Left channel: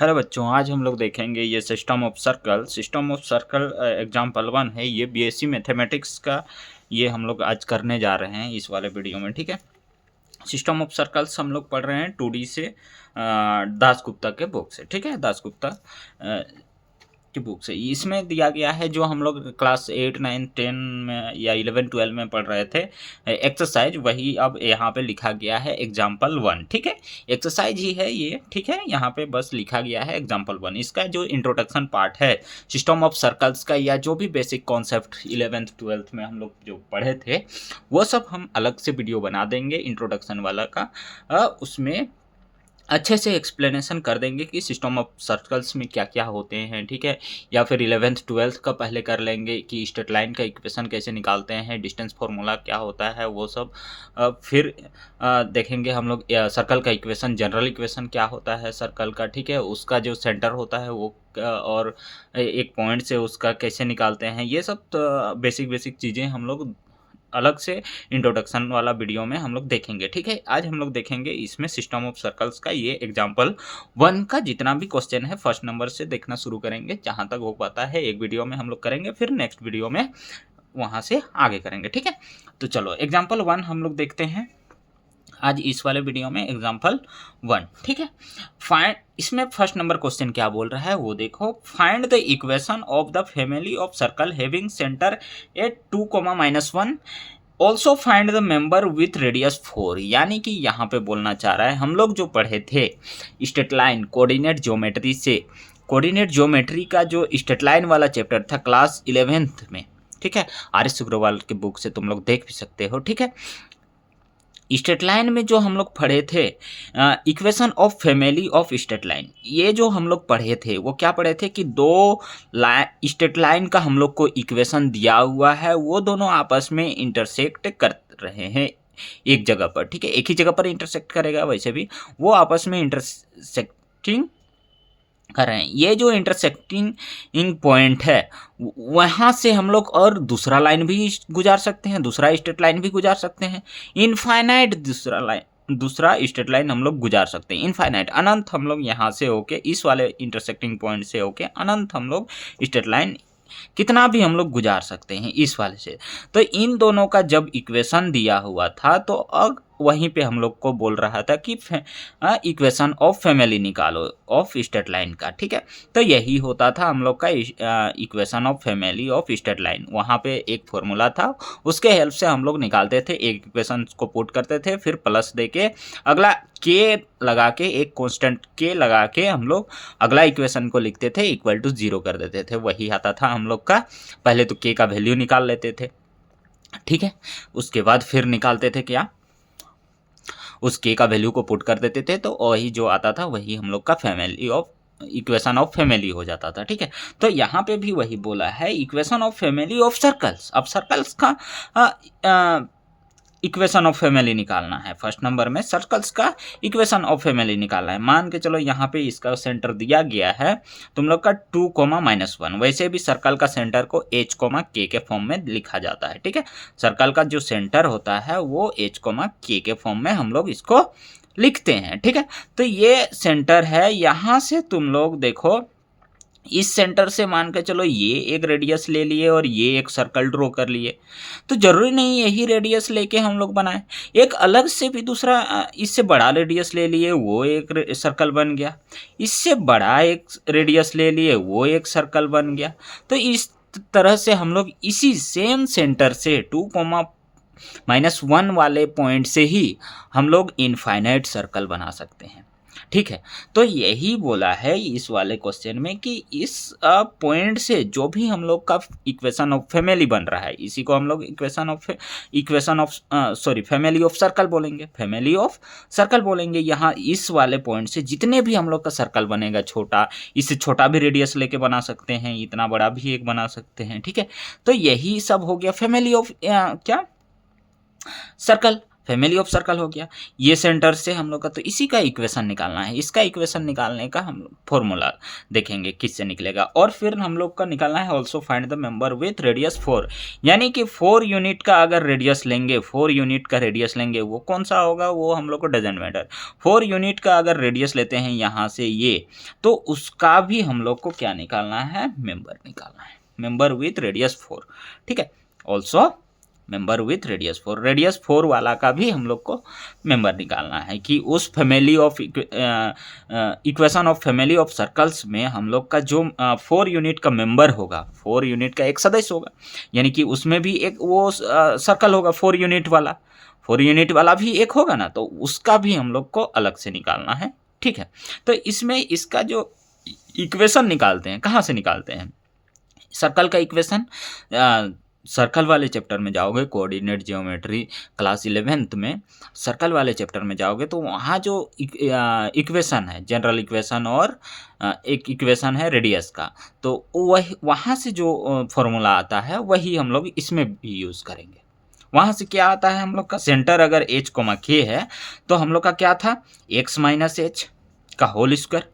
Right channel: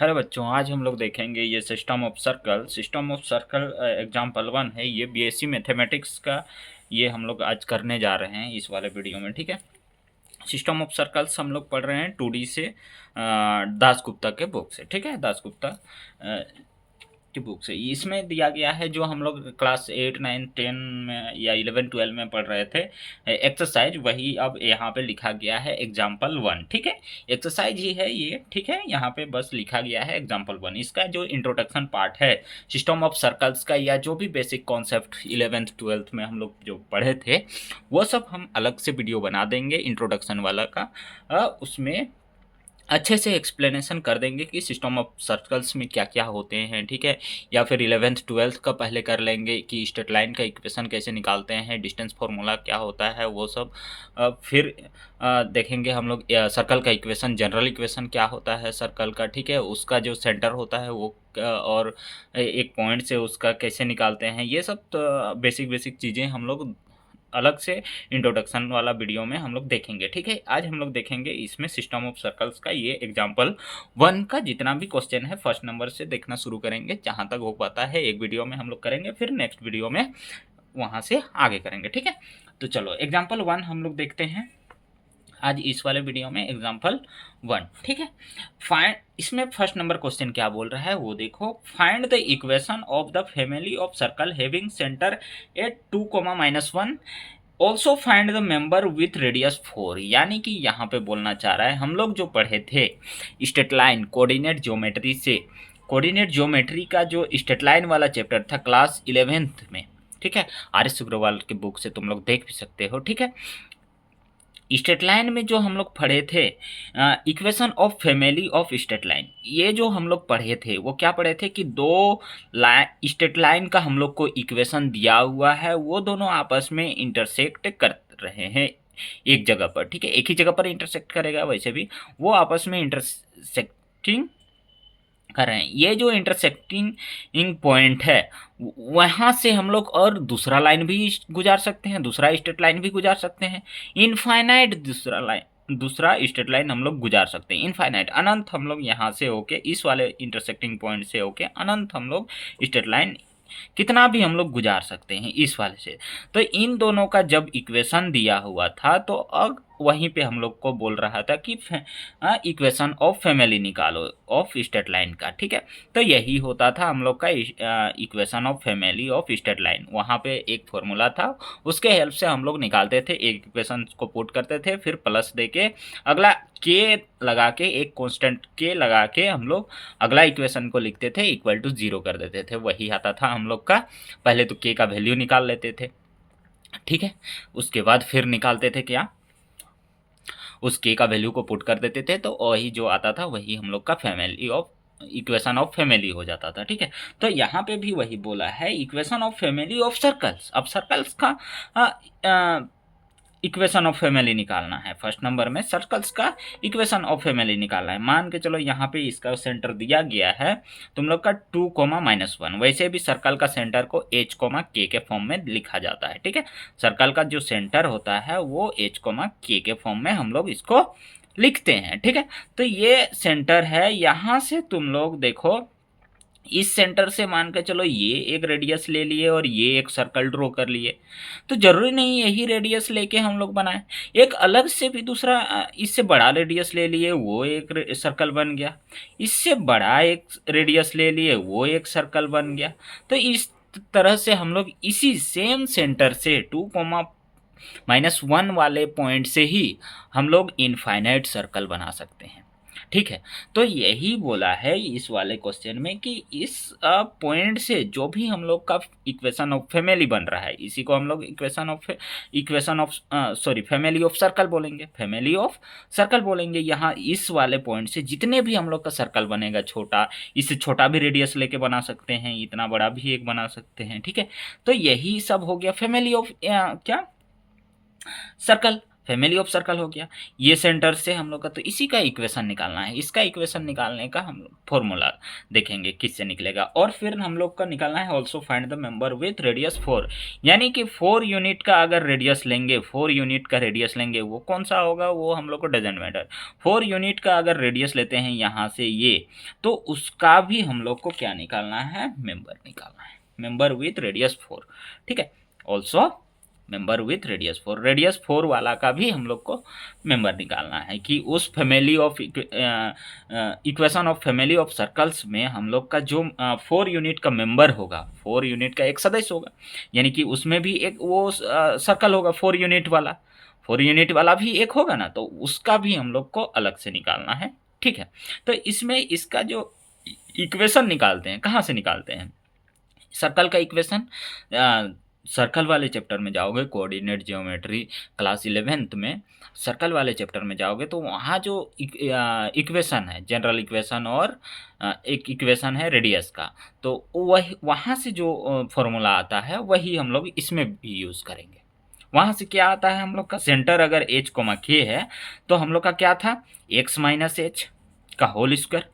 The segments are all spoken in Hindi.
हेलो बच्चों, आज हम लोग देखेंगे ये सिस्टम ऑफ सर्कल एग्जाम्पल 1 है। ये बीएससी मैथमेटिक्स का ये हम लोग आज करने जा रहे हैं इस वाले वीडियो में। ठीक है, सिस्टम ऑफ सर्कल्स हम लोग पढ़ रहे हैं 2D से, दास गुप्ता के बुक से। ठीक है, दास गुप्ता की बुक से इसमें दिया गया है जो हम लोग क्लास 8, 9, 10 में या 11, 12 में पढ़ रहे थे एक्सरसाइज, वही अब यहाँ पे लिखा गया है एग्जाम्पल 1। ठीक है, एक्सरसाइज ही है ये। ठीक है, यहाँ पे बस लिखा गया है एग्जाम्पल 1। इसका जो इंट्रोडक्शन पार्ट है सिस्टम ऑफ सर्कल्स का, या जो भी बेसिक कॉन्सेप्ट 11th 12th में हम लोग जो पढ़े थे, वो सब हम अलग से वीडियो बना देंगे इंट्रोडक्शन वाला का। उसमें अच्छे से एक्सप्लेनेशन कर देंगे कि सिस्टम ऑफ सर्कल्स में क्या क्या होते हैं। ठीक है, या फिर 11th 12th का पहले कर लेंगे कि स्ट्रेट लाइन का इक्वेशन कैसे निकालते हैं, डिस्टेंस फार्मूला क्या होता है, वो सब। फिर देखेंगे हम लोग सर्कल का इक्वेशन, जनरल इक्वेशन क्या होता है सर्कल का। ठीक है, उसका जो सेंटर होता है वो और एक पॉइंट से उसका कैसे निकालते हैं, ये सब तो बेसिक चीज़ें हम लोग अलग से इंट्रोडक्शन वाला वीडियो में हम लोग देखेंगे। ठीक है, आज हम लोग देखेंगे इसमें सिस्टम ऑफ सर्कल्स का ये एग्जाम्पल 1 का जितना भी क्वेश्चन है फर्स्ट नंबर से देखना शुरू करेंगे, जहाँ तक हो पाता है एक वीडियो में हम लोग करेंगे, फिर नेक्स्ट वीडियो में वहाँ से आगे करेंगे। ठीक है, तो चलो एग्जाम्पल 1 हम लोग देखते हैं आज इस वाले वीडियो में एग्जाम्पल 1। ठीक है, फाइंड, इसमें फर्स्ट नंबर क्वेश्चन क्या बोल रहा है वो देखो। Find the equation of the family of circle having centre at 2, -1, also find the member with radius 4। यानी कि यहाँ पे बोलना चाह रहा है, हम लोग जो पढ़े थे स्ट्रेट लाइन कोऑर्डिनेट ज्योमेट्री से, कोऑर्डिनेट ज्योमेट्री का जो स्ट्रेट लाइन वाला चैप्टर था क्लास 11th में। ठीक है, आर एस अग्रवाल के बुक से तुम लोग देख भी सकते हो। ठीक है, स्ट्रेट लाइन में जो हम लोग पढ़े थे equation of family of straight line, ये जो हम लोग पढ़े थे वो क्या पढ़े थे कि दो स्ट्रेट लाइन का हम लोग को इक्वेशन दिया हुआ है, वो दोनों आपस में इंटरसेक्ट कर रहे हैं एक जगह पर। ठीक है, एक ही जगह पर इंटरसेक्ट करेगा, वैसे भी वो आपस में इंटरसेक्टिंग कर रहे हैं। ये जो इंटरसेक्टिंग पॉइंट है वहाँ से हम लोग और दूसरा लाइन भी गुजार सकते हैं, दूसरा स्ट्रेट लाइन भी गुजार सकते हैं, इनफाइनाइट दूसरा स्ट्रेट लाइन हम लोग गुजार सकते हैं, इनफाइनाइट अनंत। हम लोग यहाँ से होके इस वाले इंटरसेक्टिंग पॉइंट से होके अनंत हम लोग स्ट्रेट लाइन कितना भी हम लोग गुजार सकते हैं इस वाले से। तो इन दोनों का जब इक्वेशन दिया हुआ था तो अब वहीं पे हम लोग को बोल रहा था कि इक्वेशन ऑफ फैमिली निकालो ऑफ स्ट्रेट लाइन का। ठीक है, तो यही होता था हम लोग का equation of family of straight line. वहाँ पे एक फॉर्मूला था, उसके हेल्प से हम लोग निकालते थे, एक इक्वेशन को पुट करते थे, फिर प्लस दे के अगला के लगा के, एक कांस्टेंट के लगा के हम लोग अगला इक्वेशन को लिखते थे, इक्वल टू 0 कर देते थे। वही आता था हम लोग का। पहले तो के का वैल्यू निकाल लेते थे। ठीक है, उसके बाद फिर निकालते थे क्या, उस के का वैल्यू को पुट कर देते थे, तो वही जो आता था वही हम लोग का family of equation of family हो जाता था। ठीक है, तो यहाँ पे भी वही बोला है equation of family of circles. अब सर्कल्स का इक्वेशन ऑफ फैमिली निकालना है। फर्स्ट नंबर में सर्कल्स का इक्वेशन ऑफ फैमिली निकालना है। मान के चलो यहाँ पे इसका सेंटर दिया गया है तुम लोग का 2, -1। वैसे भी सर्कल का सेंटर को h, k के फॉर्म में लिखा जाता है। ठीक है, सर्कल का जो सेंटर होता है वो h, k के फॉर्म में हम लोग इसको लिखते हैं। ठीक है, तो ये सेंटर है। यहाँ से तुम लोग देखो, इस सेंटर से मान के चलो ये एक रेडियस ले लिए और ये एक सर्कल ड्रॉ कर लिए, तो जरूरी नहीं यही रेडियस लेके हम लोग बनाए, एक अलग से भी दूसरा इससे बड़ा रेडियस ले लिए, वो एक सर्कल बन गया, इससे बड़ा एक रेडियस ले लिए, वो एक सर्कल बन गया। तो इस तरह से हम लोग इसी सेम सेंटर से 2, -1 वाले पॉइंट से ही हम लोग इनफाइनाइट सर्कल बना सकते हैं। ठीक है, तो यही बोला है इस वाले क्वेश्चन में कि इस पॉइंट से जो भी हम लोग का इक्वेशन ऑफ फैमिली बन रहा है, इसी को हम लोग फैमिली ऑफ सर्कल बोलेंगे, फैमिली ऑफ सर्कल बोलेंगे। यहाँ इस वाले पॉइंट से जितने भी हम लोग का सर्कल बनेगा, छोटा, इससे छोटा भी रेडियस लेके बना सकते हैं, इतना बड़ा भी एक बना सकते हैं। ठीक है, तो यही सब हो गया फैमिली ऑफ क्या, सर्कल, फैमिली ऑफ सर्कल हो गया, ये सेंटर से हम लोग का, तो इसी का इक्वेशन निकालना है। इसका इक्वेशन निकालने का हम फॉर्मूला देखेंगे किससे निकलेगा। और फिर हम लोग का निकालना है also find the member with radius 4, यानी कि 4 यूनिट का अगर रेडियस लेंगे, 4 यूनिट का रेडियस लेंगे, वो कौन सा होगा वो हम लोग को डजंट मैटर। 4 यूनिट का अगर रेडियस लेते हैं यहाँ से ये, तो उसका भी हम लोग को क्या निकालना है, मेंबर निकालना है, मेंबर विथ रेडियस 4। ठीक है, also member with radius 4, radius 4 वाला का भी हम लोग को मेंबर निकालना है कि उस family of equation of family of circles में हम लोग का जो 4 यूनिट का मेंबर होगा, 4 यूनिट का एक सदस्य होगा, यानी कि उसमें भी एक वो सर्कल होगा 4 यूनिट वाला, 4 यूनिट वाला भी एक होगा ना, तो उसका भी हम लोग को अलग से निकालना है। ठीक है, तो इसमें इसका जो इक्वेशन निकालते हैं, कहाँ से निकालते हैं, सर्कल का इक्वेशन सर्कल वाले चैप्टर में जाओगे, कोऑर्डिनेट ज्योमेट्री क्लास 11th में सर्कल वाले चैप्टर में जाओगे, तो वहाँ जो इक्वेशन है, जनरल इक्वेशन और एक इक्वेशन है रेडियस का, तो वही वहाँ से जो फॉर्मूला आता है वही हम लोग इसमें भी यूज़ करेंगे। वहाँ से क्या आता है, हम लोग का सेंटर अगर h कोमा k है, तो हम लोग का क्या था, x माइनस एच का होल स्क्वायर,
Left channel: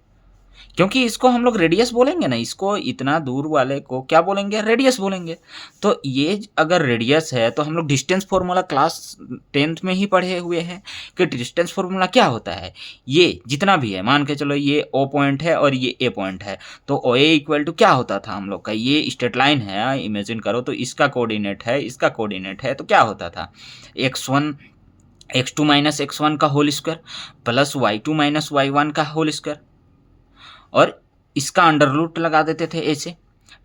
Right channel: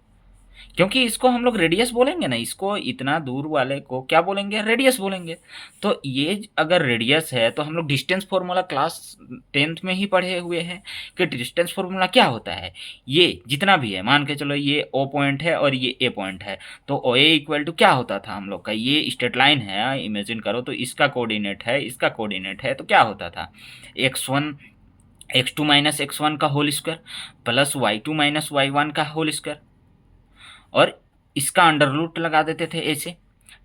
क्योंकि इसको हम लोग रेडियस बोलेंगे ना, इसको इतना दूर वाले को क्या बोलेंगे, रेडियस बोलेंगे। तो ये अगर रेडियस है तो हम लोग डिस्टेंस फार्मूला क्लास 10th में ही पढ़े हुए हैं कि डिस्टेंस फार्मूला क्या होता है, ये जितना भी है, मान के चलो ये O पॉइंट है और ये A पॉइंट है, तो OA इक्वल टू क्या होता था हम लोग का, ये स्ट्रेट लाइन है, इमेजिन करो, तो इसका कोऑर्डिनेट है, इसका कोऑर्डिनेट है, तो क्या होता था, x1 x2 माइनस x1 का whole square plus y2 minus y1 का होल स्क्वायर, और इसका अंडर रूट लगा देते थे ऐसे।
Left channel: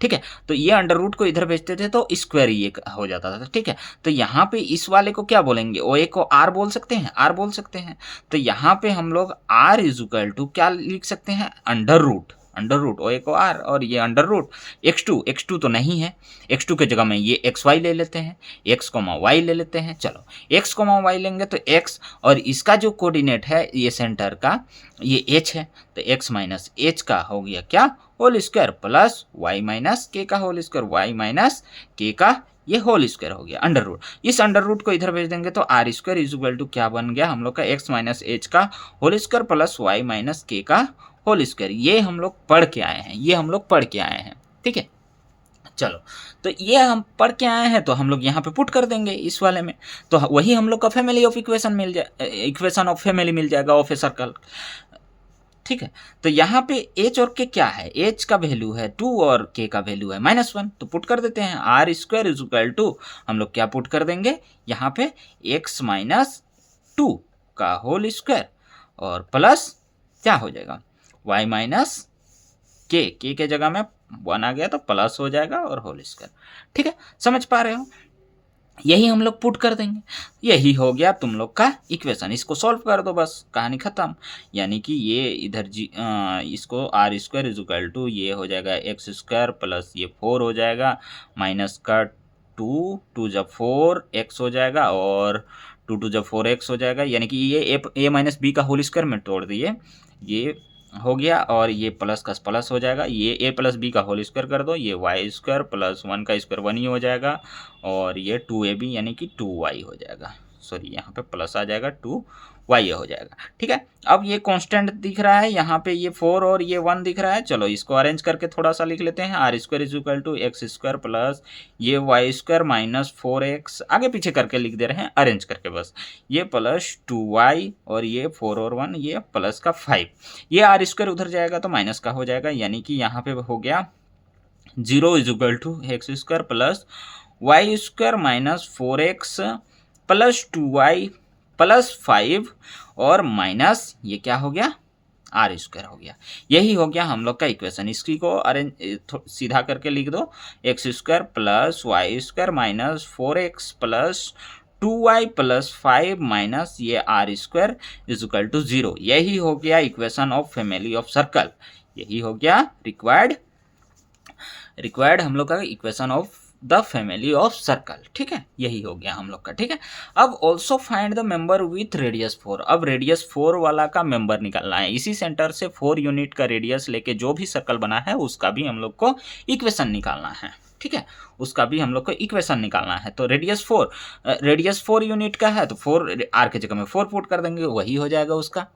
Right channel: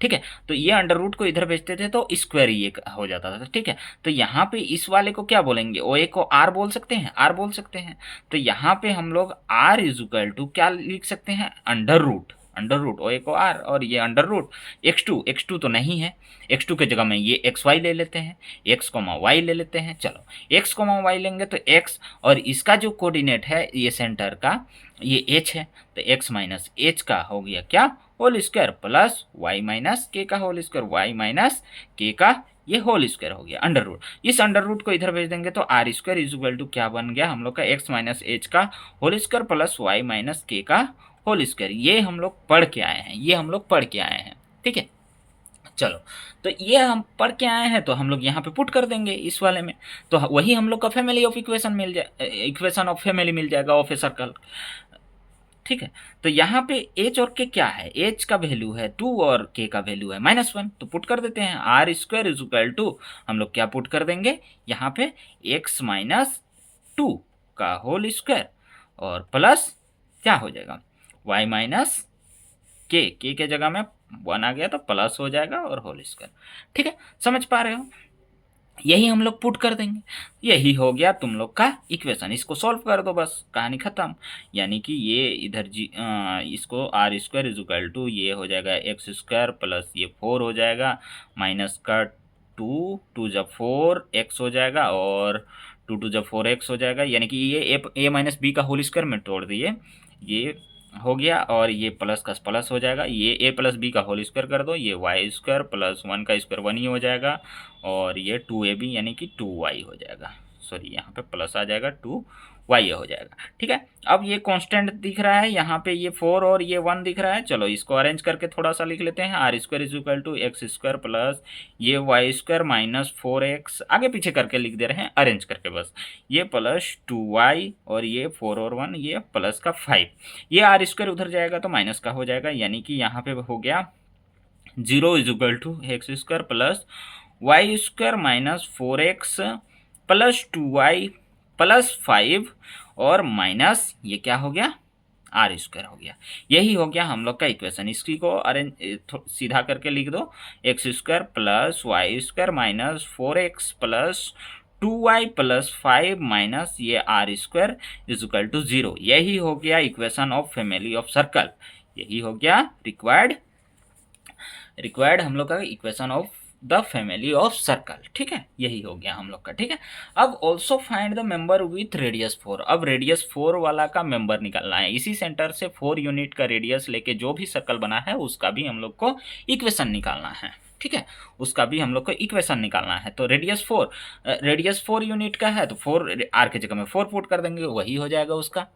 ठीक है, तो ये अंडर रूट को इधर भेजते थे तो स्क्वायर ये हो जाता था। ठीक है, तो यहाँ पे इस वाले को क्या बोलेंगे, ओ ए को आर बोल सकते हैं, आर बोल सकते हैं, तो यहाँ पे हम लोग आर इज इक्वल टू क्या लिख सकते हैं, अंडर रूट, अंडर रूट ओ ए को आर, और ये अंडर रूट x2 तो नहीं है, x2 के जगह में ये xy ले लेते हैं, x कोमा वाई ले लेते हैं। चलो x कोमा वाई लेंगे तो x, और इसका जो कोऑर्डिनेट है ये सेंटर का ये h है, तो x माइनस एच का हो गया क्या, whole square, plus y minus K का whole square, y minus K का ये होल स्क्वायर हो गया, अंडर रूट। इस अंडर रूट को इधर भेज देंगे तो R square is equal to क्या बन गया हम लोग का, x माइनस एच का whole square plus y minus K का होल स्क्वायर। ये हम लोग पढ़ के आए हैं, ये हम लोग पढ़ के आए हैं। ठीक है, चलो, तो ये हम पढ़ के आए हैं, तो हम लोग यहाँ पे पुट कर देंगे इस वाले में, तो वही हम लोग का फैमिली ऑफ इक्वेशन मिल जाए, इक्वेशन ऑफ फैमिली मिल जाएगा ऑफ ए सर्कल। ठीक है, तो यहाँ पे h और k क्या है, h का वैल्यू है 2 और k का वैल्यू है -1, तो पुट कर देते हैं, R square is equal to हम लोग क्या पुट कर देंगे यहाँ पे, x माइनस 2 का होल स्क्वायर और प्लस क्या हो जाएगा, y माइनस के के जगह में 1 आ गया तो प्लस हो जाएगा और होल स्क्वायर। ठीक है, समझ पा रहे हो, यही हम लोग पुट कर देंगे, यही हो गया तुम लोग का इक्वेशन। इसको सॉल्व कर दो, बस कहानी खत्म। यानी कि ये इधर इसको R square is equal to ये हो जाएगा एक्स स्क्वायर प्लस ये 4 हो जाएगा, माइनस का 2 जब 4 एक्स हो जाएगा, और 2 जब 4 एक्स हो जाएगा, यानी कि ये ए माइनस बी का होल स्क्वायर में तोड़ दिए, ये हो गया, और ये प्लस का प्लस हो जाएगा, ये ए प्लस बी का होल स्क्वायर कर दो, ये वाई स्क्वायर प्लस 1 का स्क्वायर 1 ही हो जाएगा, और ये 2ab यानी कि 2y हो जाएगा, सॉरी यहाँ पे प्लस आ जाएगा, 2y हो जाएगा। ठीक है, अब ये कांस्टेंट दिख रहा है यहाँ पे, ये 4 और ये 1 दिख रहा है। चलो इसको अरेंज करके थोड़ा सा लिख लेते हैं, R square is equal to X square plus ये वाई स्क्वायर माइनस 4x, आगे पीछे करके लिख दे रहे हैं अरेंज करके बस, ये प्लस 2y और ये 4 और 1 ये प्लस का 5, ये आर स्क्वायर उधर जाएगा तो माइनस का हो जाएगा, यानी कि यहाँ पे हो गया 0 is equal to X square plus Y square minus 4x plus 2y plus 5 और माइनस ये क्या हो गया, आर स्क्वायर हो गया। यही हो गया हम लोग का इक्वेशन। इसी को अरेंज सीधा करके लिख दो, x square plus Y square minus 4x plus 2y plus 5 minus ये r square is equal to 0। यही हो गया equation of family of circle, यही हो गया रिक्वायर्ड हम लोग का equation of the family of circle. ठीक है, यही हो गया हम लोग का। ठीक है, अब also find the member with radius 4। अब रेडियस 4 वाला का मेंबर निकालना है। इसी सेंटर से 4 यूनिट का रेडियस लेके जो भी सर्कल बना है उसका भी हम लोग को इक्वेशन निकालना है। ठीक है, उसका भी हम लोग को इक्वेशन निकालना है। तो रेडियस 4 यूनिट का है तो 4 आर के जगह में 4 पुट कर देंगे, वही हो जाएगा उसका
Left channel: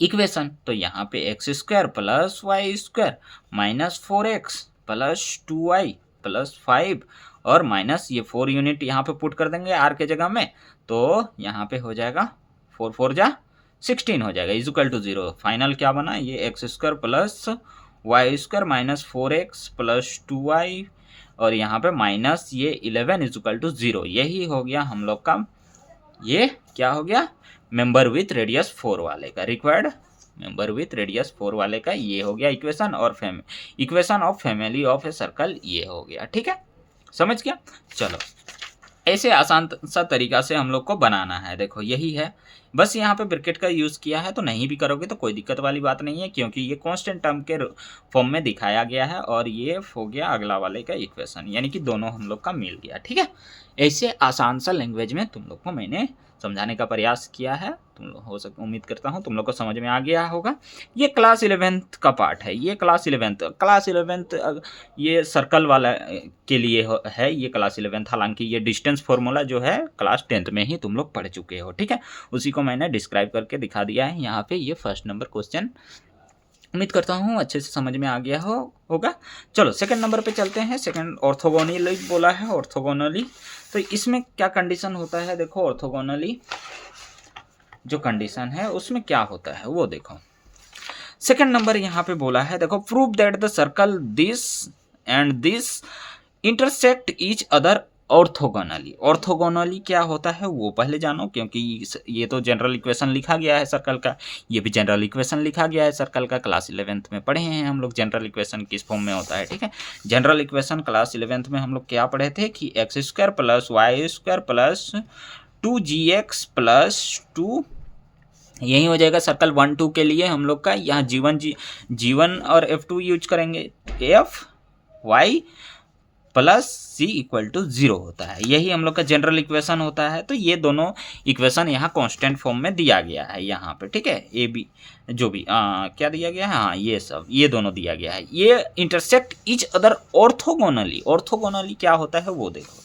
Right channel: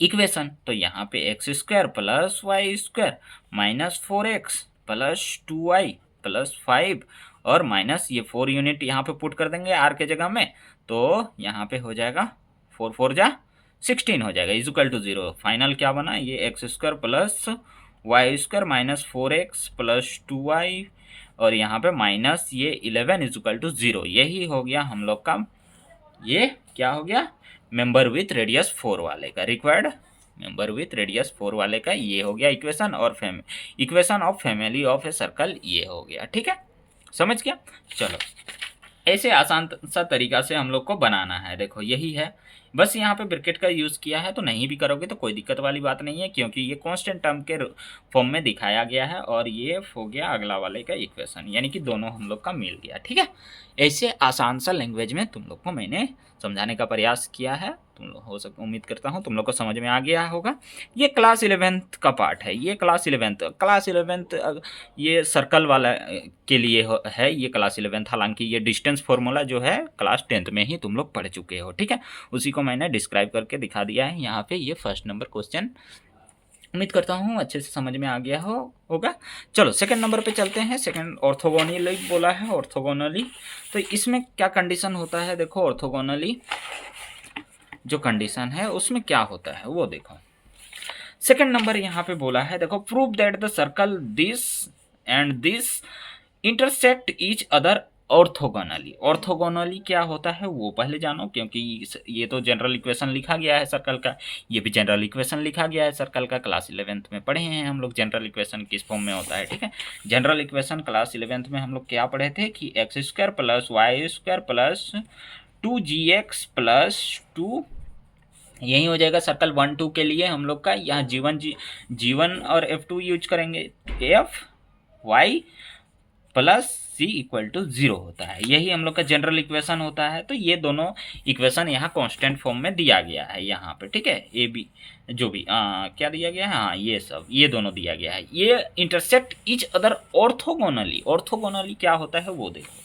इक्वेशन। तो यहाँ पे X square plus Y square minus 4x plus 2y plus 5 और माइनस ये 4 यूनिट यहाँ पे पुट कर देंगे आर के जगह में, तो यहाँ पे हो जाएगा 4 4 जा 16 हो जाएगा इक्वल टू 0। फाइनल क्या बना, ये X square plus Y square minus 4x plus 2y और यहाँ पे माइनस ये 11 इक्वल टू 0। यही हो गया हम लोग का, ये क्या हो गया, मेंबर विथ रेडियस 4 वाले का, रिक्वायर्ड मेंबर विथ रेडियस 4 वाले का ये हो गया इक्वेशन। और equation of family of a circle ये हो गया। ठीक है, समझ गया। चलो ऐसे आसान सा तरीका से हम लोग को बनाना है। देखो यही है, बस यहाँ पे ब्रैकेट का यूज़ किया है, तो नहीं भी करोगे तो कोई दिक्कत वाली बात नहीं है, क्योंकि ये कांस्टेंट टर्म के फॉर्म में दिखाया गया है और ये हो गया अगला वाले का इक्वेशन, यानी कि दोनों हम लोग का मिल गया। ठीक है, ऐसे आसान सा लैंग्वेज में तुम लोग को मैंने समझाने का प्रयास किया है। तुम लोग हो सकता, उम्मीद करता हूँ तुम लोग को समझ में आ गया होगा। ये क्लास 11th का पार्ट है, ये क्लास 11th ये सर्कल वाला के लिए है, ये क्लास 11th। हालांकि ये डिस्टेंस फॉर्मूला जो है क्लास 10th में ही तुम लोग पढ़ चुके हो। ठीक है, उसी को मैंने डिस्क्राइब करके दिखा दिया है यहाँ पे। ये फर्स्ट नंबर क्वेश्चन उम्मीद करता हूँ अच्छे से समझ में आ गया होगा। चलो सेकंड नंबर पे चलते हैं। सेकंड ऑर्थोगोनली बोला है, ऑर्थोगोनली। तो इसमें क्या कंडीशन होता है, देखो ऑर्थोगोनली जो कंडीशन है उसमें क्या होता है वो देखो। सेकंड नंबर यहाँ पे बोला है, देखो prove that the circle this and this intersect each other orthogonally. Orthogonally क्या होता है वो पहले जानो, क्योंकि ये तो जनरल इक्वेशन लिखा गया है सर्कल का, ये भी जनरल इक्वेशन लिखा गया है सर्कल का। क्लास 11th में पढ़े हैं हम लोग जनरल इक्वेशन किस फॉर्म में होता है। ठीक है, जनरल इक्वेशन क्लास 11th में हम लोग क्या पढ़े थे कि X square plus Y square plus 2gx plus 2, यही हो जाएगा सर्कल 1 2 के लिए हम लोग का। यहाँ G1 और F2 यूज करेंगे, F Y plus C equal to 0 होता है, यही हम लोग का जनरल इक्वेशन होता है। तो ये दोनों इक्वेशन यहाँ कांस्टेंट फॉर्म में दिया गया है यहाँ पे। ठीक है, ए बी जो भी क्या दिया गया है, हाँ ये सब, ये दोनों दिया गया है। ये intersect each other orthogonally. Orthogonally क्या होता है वो देखो।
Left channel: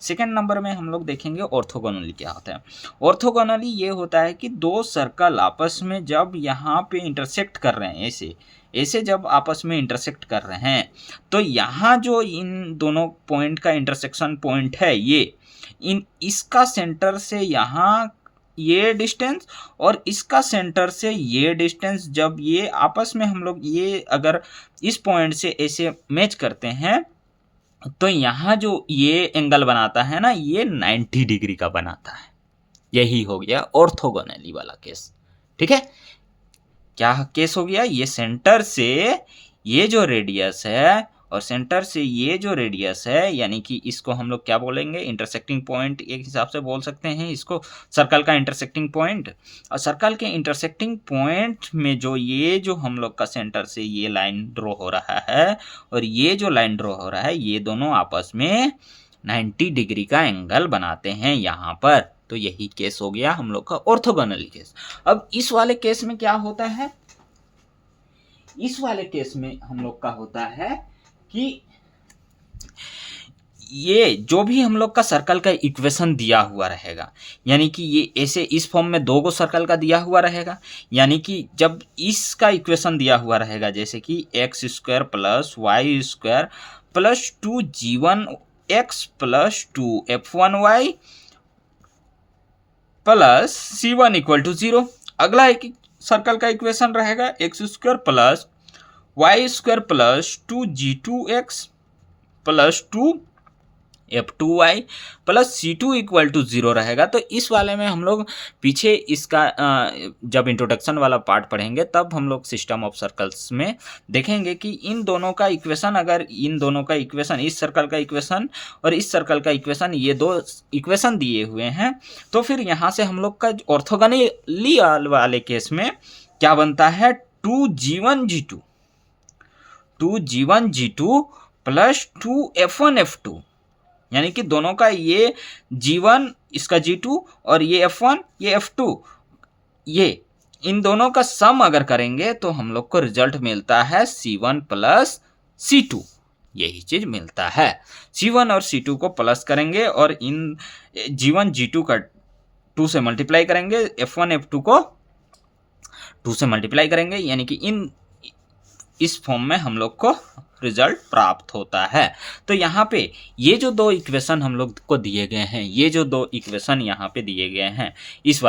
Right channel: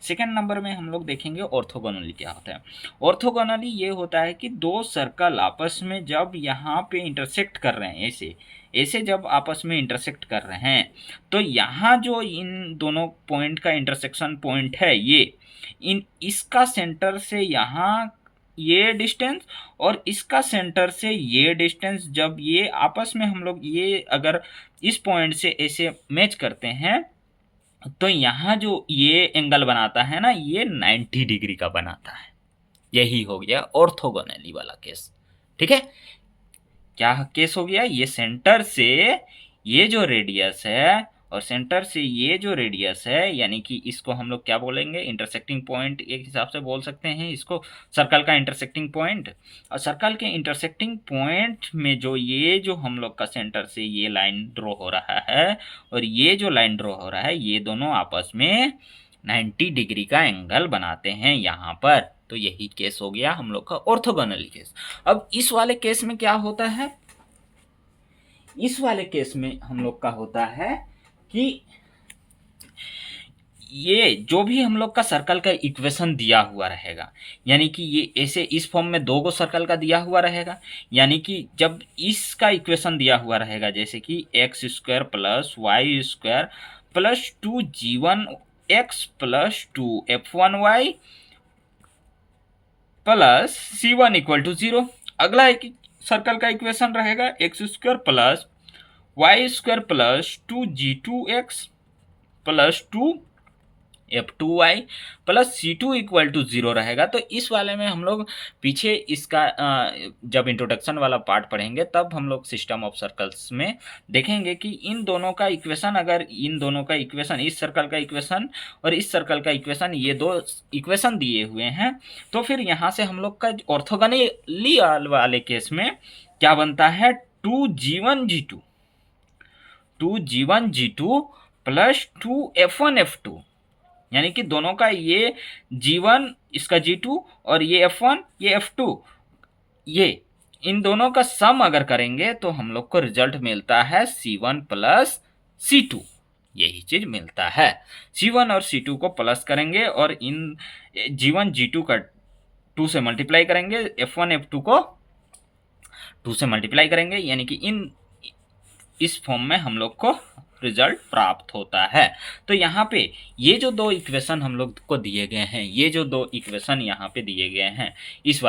सेकेंड नंबर में हम लोग देखेंगे ऑर्थोगोनली क्या होता है। ऑर्थोगोनली ये होता है कि दो सर्कल आपस में जब यहाँ पे इंटरसेक्ट कर रहे हैं, ऐसे जब आपस में इंटरसेक्ट कर रहे हैं, तो यहाँ जो इन दोनों पॉइंट का इंटरसेक्शन पॉइंट है, ये इसका सेंटर से यहाँ ये डिस्टेंस और इसका सेंटर से ये डिस्टेंस, जब ये आपस में हम लोग ये अगर इस पॉइंट से ऐसे मैच करते हैं, तो यहाँ जो ये एंगल बनाता है ना, ये 90 डिग्री का बनाता है। यही हो गया ऑर्थोगोनली वाला केस। ठीक है, क्या केस हो गया, ये सेंटर से ये जो रेडियस है और सेंटर से ये जो रेडियस है, यानी कि इसको हम लोग क्या बोलेंगे, इंटरसेक्टिंग पॉइंट एक हिसाब से बोल सकते हैं इसको, सर्कल का इंटरसेक्टिंग पॉइंट। और सर्कल के इंटरसेक्टिंग पॉइंट में जो ये जो हम लोग का सेंटर से ये लाइन ड्रॉ हो रहा है और ये जो लाइन ड्रॉ हो रहा है, ये दोनों आपस में 90 डिग्री का एंगल बनाते हैं यहाँ पर। तो यही केस हो गया हम लोग का ऑर्थोगोनली केस। अब इस वाले केस में क्या होता है, इस वाले केस में हम लोग का होता है कि ये जो भी हम लोग का सर्कल का इक्वेशन दिया हुआ रहेगा, यानी कि ये ऐसे इस फॉर्म में दो गो सर्कल का दिया हुआ रहेगा, यानी कि जब इसका इक्वेशन दिया हुआ रहेगा, जैसे कि X square plus Y square plus 2g1x plus 2f1y plus c1 equal to 0। अगला एक सर्कल का इक्वेशन रहेगा X square plus Y square plus 2g2x plus 2f2y plus c2 equal to 0 रहेगा। तो इस वाले में हम लोग पीछे इसका जब इंट्रोडक्शन वाला पार्ट पढ़ेंगे तब हम लोग सिस्टम ऑफ सर्कल्स में देखेंगे कि इन दोनों का इक्वेशन, अगर इन दोनों का इक्वेशन, इस सर्कल का इक्वेशन और इस सर्कल का इक्वेशन, ये दो इक्वेशन दिए हुए हैं, तो फिर यहाँ से हम लोग का ऑर्थोगोनली वाले केस में क्या बनता है, 2g1g2 प्लस 2f1f2, यानी कि दोनों का ये g1 इसका g2 और ये f1 ये f2, ये इन दोनों का सम अगर करेंगे तो हम लोग को रिजल्ट मिलता है c1 प्लस c2। यही चीज मिलता है। C1 और C2 को प्लस करेंगे और इन G1 G2 का 2 से मल्टीप्लाई करेंगे, F1 F2 को 2 से मल्टीप्लाई करेंगे, यानी कि इस फॉर्म में हम लोग को रिजल्ट प्राप्त होता है। तो यहाँ पे ये जो दो इक्वेशन हम लोग को दिए गए हैं, ये जो दो इक्वेशन यहाँ पे दिए गए हैं, इस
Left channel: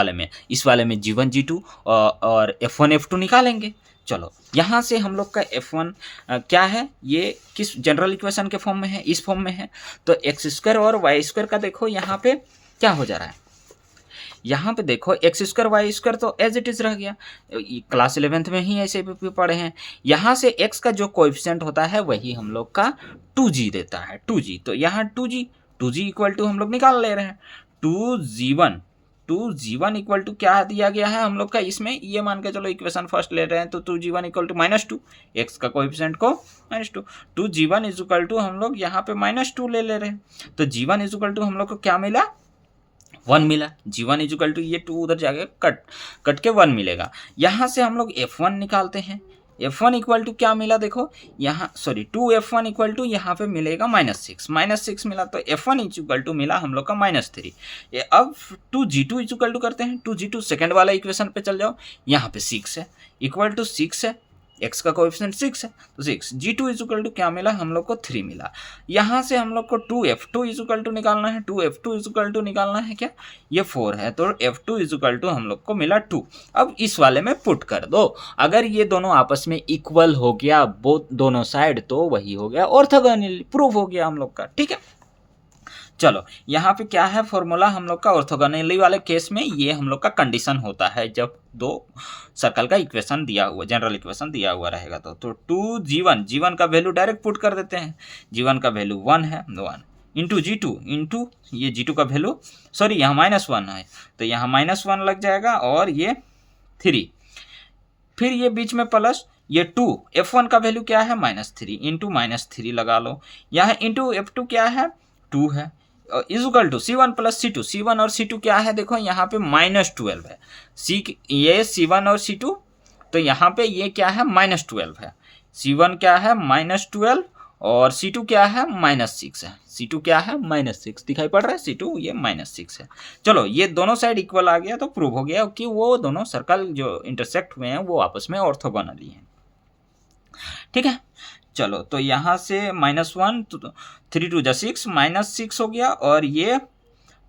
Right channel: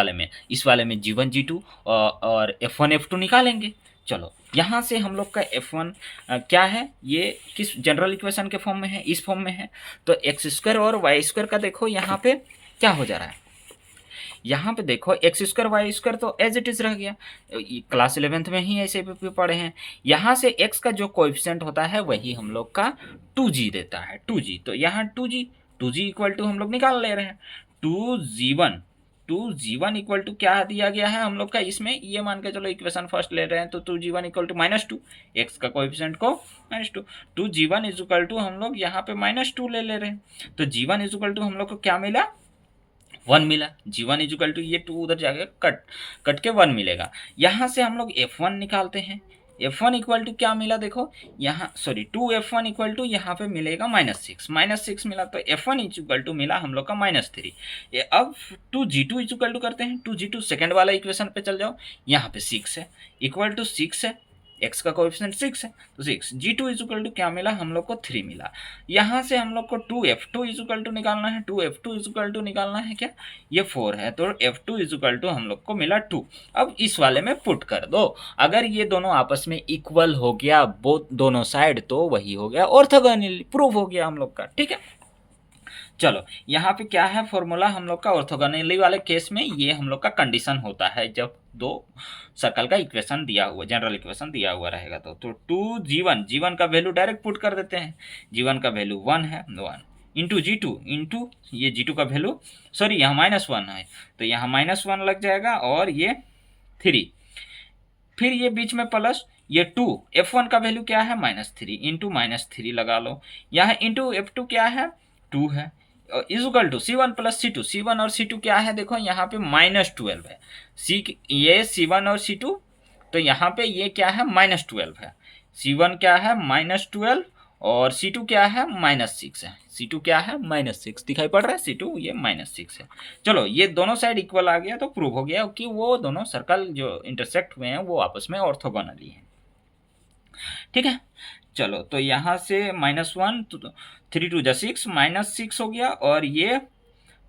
वाले में G1 G2 और F1 F2 निकालेंगे। चलो यहाँ से हम लोग का F1 क्या है, ये किस जनरल इक्वेशन के फॉर्म में है, इस फॉर्म में है। तो एक्स स्क्वायर और वाई स्क्वायर का देखो यहाँ पे क्या हो जा रहा है, यहाँ पे देखो एक्स स्क्वायर वाई स्क्वायर तो एज इट इज रह गया, क्लास 11th में ही ऐसे भी पढ़े हैं। यहाँ से एक्स का जो कोएफिशिएंट होता है वही हम लोग का 2g देता है, 2g। तो यहाँ 2g इक्वल टू हम लोग निकाल ले रहे हैं 2g1 इक्वल टू क्या दिया गया है हम लोग का, इसमें ये मान के चलो इक्वेशन फर्स्ट ले रहे हैं तो 2g1 इक्वल टू -2, एक्स का कोएफिशिएंट को -2, 2g1 इज इक्वल टू हम लोग यहाँ पे -2 ले रहे हैं। तो g1 इज इक्वल टू हम लोग को क्या मिला, 1 मिला। G1 इज इक्वल टू ये 2 उधर जाके कट के 1 मिलेगा। यहाँ से हम लोग F1 निकालते हैं, F1 इक्वल टू क्या मिला देखो यहाँ, सॉरी 2F1 इक्वल टू यहाँ पे मिलेगा -6 मिला। तो F1 इज इक्वल टू मिला हम लोग का -3। अब 2G2 इज इक्वल टू करते हैं, 2G2 सेकेंड वाला इक्वेशन पे चल जाओ, यहाँ पे 6 है, इक्वल टू 6 है, एक्स का कोएफिशिएंट 6 है तो 6। G2 इज इक्वल टू क्या मिला हम लोग को, 3 मिला। यहाँ से हम लोग को 2F2 इज इक्वल टू निकालना है, 2F2 इज इक्वल टू निकालना है क्या, ये 4 है तो F2 इज इक्वल टू हम लोग को मिला 2। अब इस वाले में पुट कर दो, अगर ये दोनों आपस में इक्वल हो गया दोनों साइड तो वही हो गया ऑर्थोगोनल, प्रूफ हो गया हम लोग का, ठीक है। चलो यहाँ पे क्या है फॉर्मूला हम लोग का, ऑर्थोगोनली वाले केस में ये हम लोग का कंडीशन होता है जब दो सर्कल का इक्वेशन दिया हुआ, जनरल इक्वेशन दिया हुआ रहेगा। तो 2g1 का वैल्यू डायरेक्ट पुट कर देते हैं, g1 का वैल्यू 1 है, 1 इंटू G2 इंटू ये G2 का वैल्यू, सॉरी यहाँ -1 है तो यहाँ -1 लग जाएगा और ये 3, फिर ये बीच में प्लस ये 2, F1 का वैल्यू क्या है -3 इंटू -3 लगा लो, यहाँ इंटू F2 क्या है 2 है, is equal to C1 plus C2, C1 और C2 क्या है देखो यहाँ पे -12 है, ये C1 और C2 तो यहाँ पे ये क्या है -12 है, C1 क्या है -12 और C2 क्या है -6 है, C2 क्या है -6 दिखाई पड़ रहा है, C2 ये -6 है। चलो ये दोनों साइड इक्वल आ गया तो प्रूव हो गया कि वो दोनों सर्कल जो इंटरसेक्ट हुए हैं वो आपस में ऑर्थोगोनली हैं, ठीक है। चलो तो यहाँ से -1 3 2 6 -6 हो गया और ये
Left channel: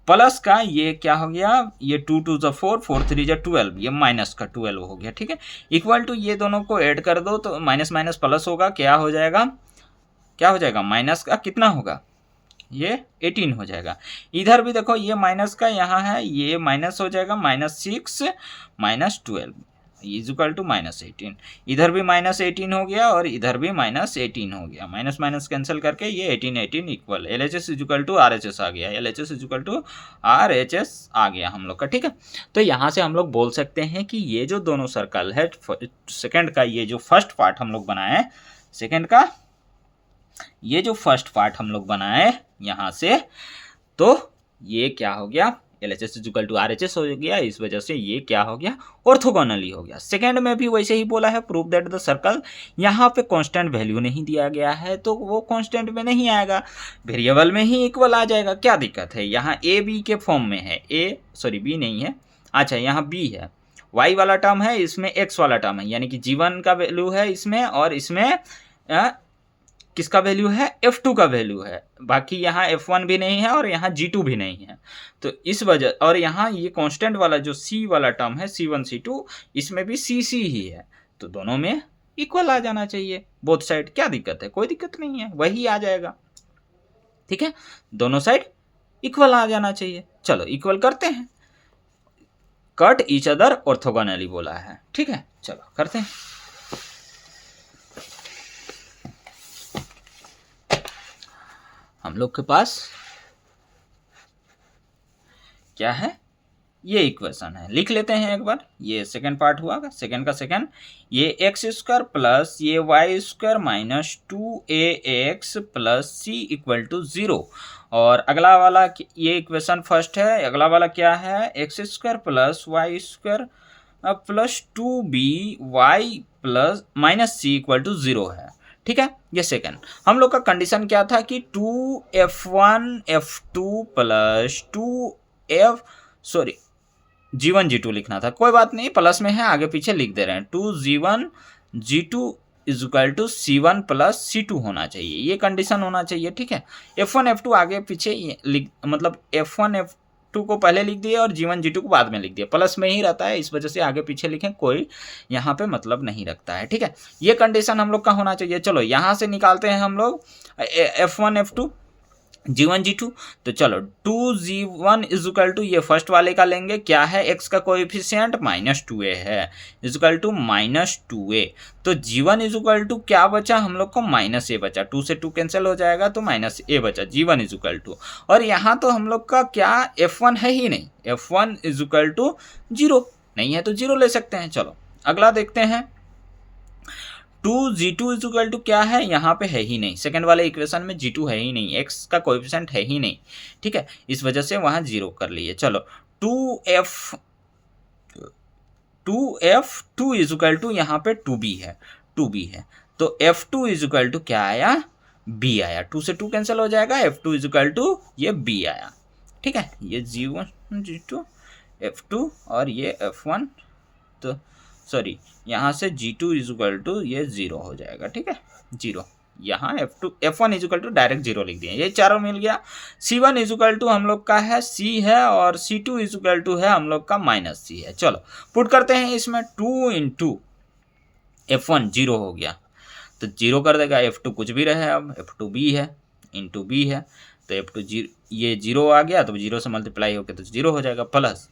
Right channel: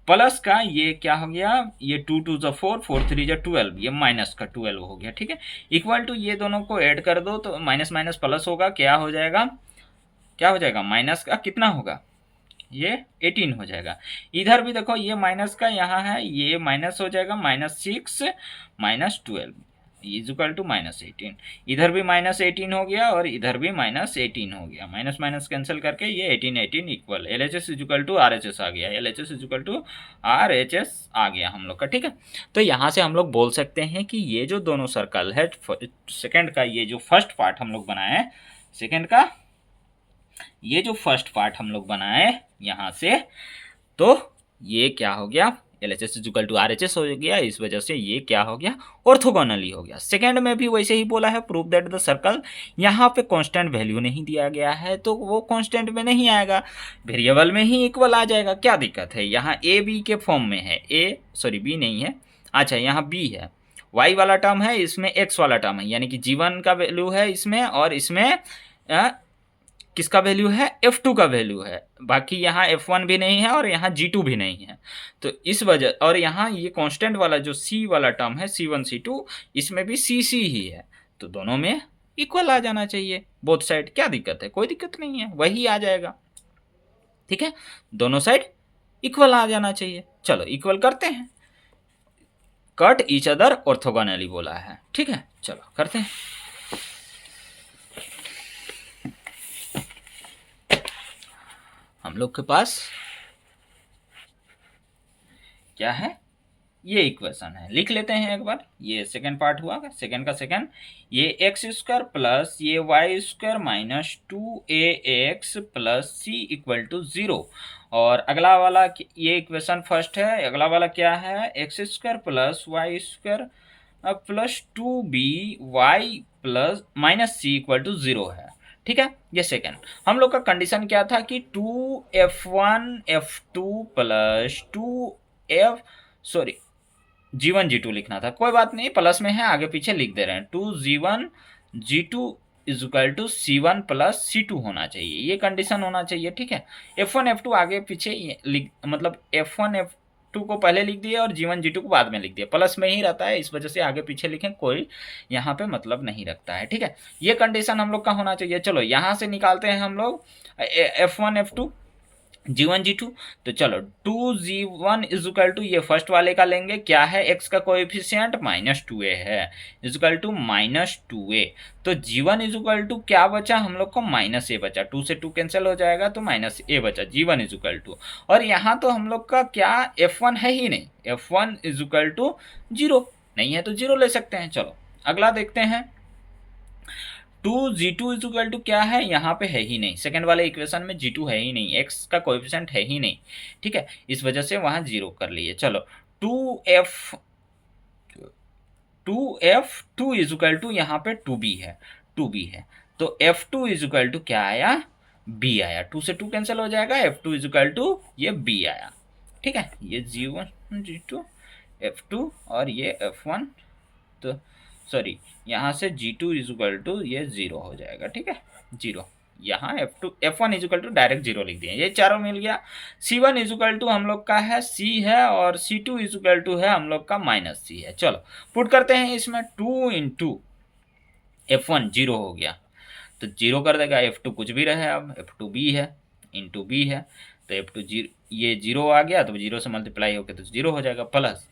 प्लस का ये क्या हो गया, ये 2 2 4 4 3 12, ये माइनस का 12 हो गया, ठीक है। इक्वल टू ये दोनों को ऐड कर दो तो माइनस माइनस प्लस होगा, क्या हो जाएगा माइनस का कितना होगा, ये 18 हो जाएगा। इधर भी देखो ये माइनस का यहाँ है, ये माइनस हो जाएगा -6 -12 इज इक्वल टू -18, इधर भी -18 हो गया और इधर भी -18 हो गया, माइनस माइनस कैंसिल करके ये 18 equal LHS is equal to RHS आ गया, LHS is equal to RHS आ गया हम लोग का, ठीक है। तो यहाँ से हम लोग बोल सकते हैं कि ये जो दोनों सर्कल है, सेकंड का ये जो फर्स्ट पार्ट हम लोग बनाए, सेकंड का ये जो फर्स्ट पार्ट हम लोग बनाए यहाँ से, तो ये क्या हो गया LHS is equal to RHS हो गया, इस वजह से ये क्या हो गया ऑर्थोगोनली हो गया। सेकंड में भी वैसे ही बोला है, प्रूव दैट द सर्कल, यहाँ पे कांस्टेंट वैल्यू नहीं दिया गया है तो वो कांस्टेंट में नहीं आएगा, वेरिएबल में ही इक्वल आ जाएगा, क्या दिक्कत है। यहाँ ए बी के फॉर्म में है, बी नहीं है, अच्छा यहाँ बी है, वाई वाला टर्म है, इसमें एक्स वाला टर्म है, यानी कि G1 का वैल्यू है इसमें और इसमें किसका वैल्यू है, F2 का वैल्यू है, बाकी यहाँ F1 भी नहीं है और यहाँ G2 भी नहीं है। तो इस वजह, और यहाँ ये कांस्टेंट वाला जो C वाला टर्म है C1 C2, इसमें भी CC ही है, तो दोनों में इक्वल आ जाना चाहिए बोथ साइड, क्या दिक्कत है, कोई दिक्कत नहीं है, वही आ जाएगा, ठीक है, दोनों साइड इक्वल आ जाना चाहिए। चलो इक्वल करते हैं, कट ईच अदर ऑर्थोगोनली बोला है, ठीक है, चलो करते हैं। हम लोग के पास क्या है, ये इक्वेशन है, लिख लेते हैं एक बार। ये सेकंड पार्ट हुआ, सेकंड का सेकंड, ये एक्स स्क्वायर प्लस ये Y square minus 2ax plus c equal to 0, और अगला वाला ये इक्वेशन फर्स्ट है, अगला वाला क्या है, X square plus Y square plus 2by plus minus c equal to 0 है, ठीक है। ये सेकंड हम लोग का कंडीशन क्या था कि 2f1 f2 plus 2f sorry G1 G2 लिखना था, कोई बात नहीं, प्लस में है आगे पीछे लिख दे रहे हैं। 2G1 G2 is equal to C1 plus C2 होना चाहिए, ये कंडीशन होना चाहिए, ठीक है। F1 F2 आगे पीछे मतलब F1 F2 को पहले लिख दिए और G1 G2 को बाद में लिख दिया, प्लस में ही रहता है, इस वजह से आगे पीछे लिखें, कोई यहाँ पे मतलब नहीं रखता है, ठीक है। ये कंडीशन हम लोग का होना चाहिए। चलो यहाँ से निकालते हैं हम लोग F1 F2 G1 G2, तो चलो 2G1 इज इक्वल टू, ये फर्स्ट वाले का लेंगे, क्या है x का कोएफिशिएंट -2a है, इज इक्वल टू -2a, तो G1 इज इक्वल टू क्या बचा हम लोग को, -a बचा, 2 से 2 कैंसिल हो जाएगा तो -a बचा, G1 इज इक्वल टू, और यहाँ तो हम लोग का क्या F1 है ही नहीं, F1 इज इक्वल टू 0 नहीं है तो 0 ले सकते हैं। चलो अगला देखते हैं, 2G2 इज इक्वल टू क्या है, यहाँ पे है ही नहीं, सेकंड वाले इक्वेशन में G2 है ही नहीं, x का कोएफिशिएंट है ही नहीं, ठीक है, इस वजह से वहाँ 0 कर लिए। चलो 2f2 इज इक्वल टू यहाँ पे 2b है, 2b है, तो f2 इज इक्वल टू क्या आया, b आया, 2 से 2 कैंसिल हो जाएगा, f2 इज इक्वल टू ये b आया, ठीक है। ये G1 G2 f2 और ये f1, तो सॉरी यहाँ से G2 इज इक्वल टू ये 0 हो जाएगा, ठीक है, 0, यहाँ F1 is equal to direct 0 लिख दिए, ये चारों मिल गया। C1 इज इक्वल टू हम लोग का है C है, और C2 इज इक्वल टू है हम लोग का -C है। चलो पुट करते हैं इसमें, 2 इंटू F1 0 हो गया तो 0 कर देगा, F2 कुछ भी रहे, अब F2 B है, इंटू B है, तो F2 ये 0 आ गया, तो 0 से मल्टीप्लाई होकर तो 0 हो जाएगा, प्लस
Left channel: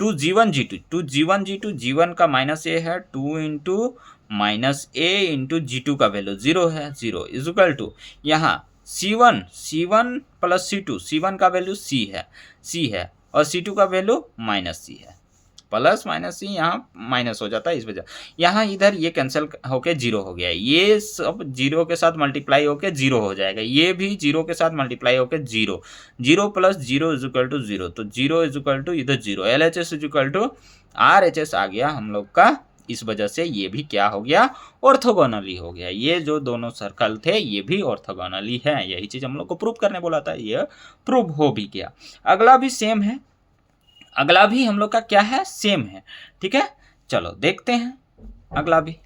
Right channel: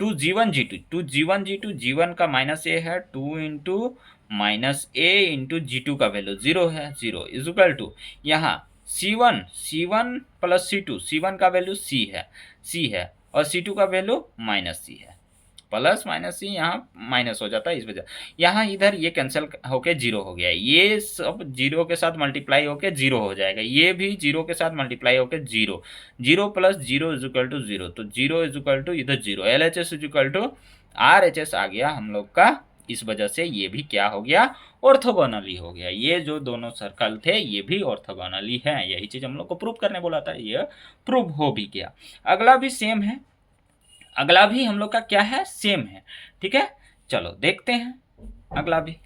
2G1 G2 G1 का -a है, 2 इंटू -a इंटू G2 का वैल्यू 0 है, 0 इज इक्वल टू यहाँ C1 प्लस C1 का वैल्यू C है और C2 का वैल्यू -C है, प्लस -C यहाँ माइनस हो जाता है, इस वजह यहाँ इधर ये कैंसिल होके 0 हो गया, ये सब 0 के साथ मल्टीप्लाई होके 0 हो जाएगा, ये भी 0 के साथ मल्टीप्लाई होके 0 प्लस 0 इज इक्वल टू 0, तो 0 इज इक्वल टू इधर 0, LHS is equal to RHS आ गया हम लोग का, इस वजह से ये भी क्या हो गया, ऑर्थोगोनली हो गया, ये जो दोनों सर्कल थे ये भी ऑर्थोगोनली है, यही चीज़ हम लोग को प्रूव करने बोला था, ये प्रूव हो भी गया। अगला भी सेम है, अगला भी हम लोग का क्या है, सेम है, ठीक है। चलो देखते हैं अगला भी।